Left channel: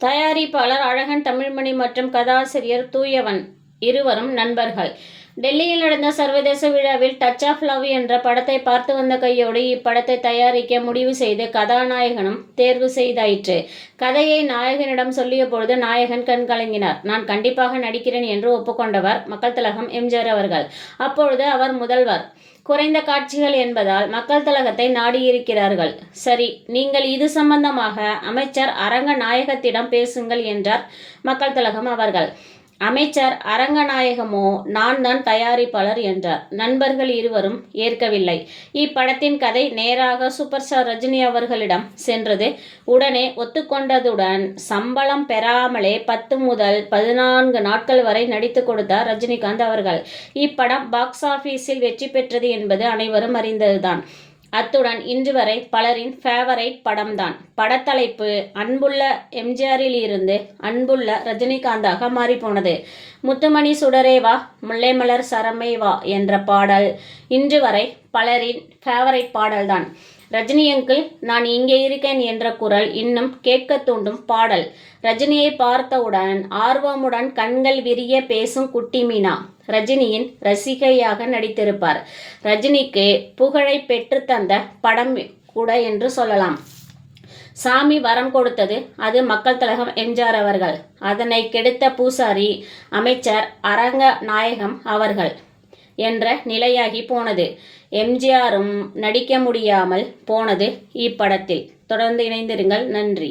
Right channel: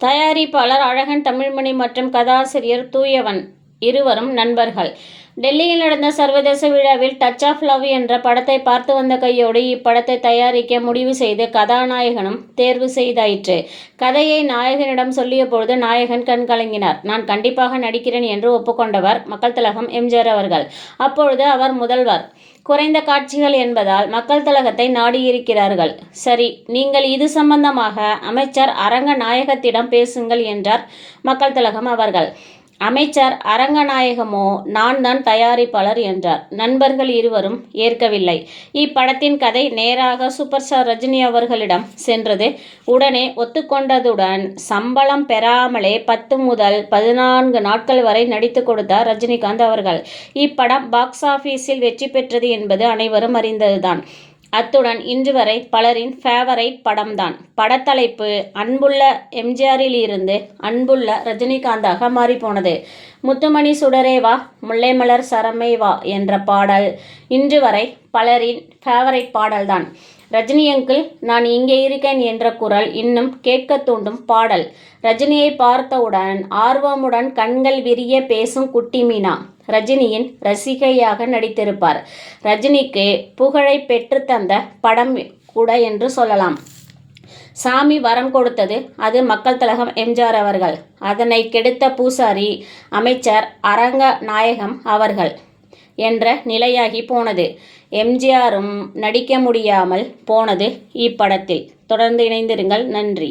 தயாரிப்பாளர் அழகன் தமிழ்மணி மற்றும் கதாசிரியர் தூயவன் இருவரும் நண்பர்கள். டெல்லியில் நடந்த சர்வதேச விழாவில் டச் ஆஃப் லவ் என்ற படத்தை பார்த்து வந்த கையோடு இப்படத்தை தயாரிக்க முடிவு செய்து கதாநாயகனும் தேர்வு செய்தாயிற்று. கதையை நாயகனிடம் சொல்லிய பொழுது நாயகன் கண் கலங்கினார். நான் கண்டிப்பாக நடிக்கிறேன் என்று ஒப்புக்கொண்டவர் மக்கள் திலகம் எம்ஜிஆர் அவர்கள். அப்பொழுது அவர் முதல்வர். குறைந்த காட்சிகள் என்பதால் மக்கள் திலகத்தை நாடியிருக்கிறார்கள். சரி, நீங்கள் இது சம்பந்தமாக அமைச்சர் அரங்கநாயகத்திடம் பேசுங்கள் என்றார் மக்கள் திலகம் அவர்கள். அமைச்சர் அரங்கநாயகமோ நான் தான் தயாரிப்பாளர் என்றார். நண்பர்கள் இருவரும் ஏற்கவில்லை. இப்படத்தின் கதை நேராக சூப்பர் ஸ்டார் ரஜினி அவர்களிடம் சென்றது. உடனே ஒத்துக்கொண்டதுடன் சம்பளம் பெறாமலே 10 முதல் 14 நாட்கள் வரை நடித்து கொடுத்தார் ரஜினிகாந்த் அவர்கள். இப்படம் பாக்ஸ் ஆபீஸில் வெற்றி பெற்றது என்பது அனைவரும் அறிந்ததுதான். அத்துடன் இன்று வரை பலரின் ஃபேவரைட் படம்தான். படத்தலைப்பு அன்புள்ள எம்ஜிஆரில் இருந்து அன்புள்ள ரஜினிகாந்தாக மாறிப்போனது. முத்துமணி சுடரேவா முல்லைமலர் சரமே வா என்ற பாடல் இன்று வரை பலரின் ஃபேவரைட் பாடல்தான். ரஜினி அங்கிள் நான் இங்கே இருக்கேன் என்ற குரல் இன்னும் கேட்க தூண்டும் பாடல். ரஜினியை பார்த்தவுடன் ஆர்வமுடன் கண்கள் விரிய பேசும் குட்டி மீனா ரஜினியின் ரசிகையாக நடித்திருப்பார். ரஜினிக்கு புகழை பெற்றுத்தந்த படம் கூட என்று சொல்லலாம். சாமி வரம் கொடுத்தது அது மக்கள் திலகம் எம்ஜிஆர் அவர்கள். அதனை கெடுத்த பூசாரி அமைச்சர் அரங்கநாயகம் அவர்கள் என்ற நிலையாகி போனது. எம்ஜிஆரும் நடிக்க முடியாமல் போனது இப்படத்தில். தொடர்ந்து இணைந்திருங்கள். நன்றி.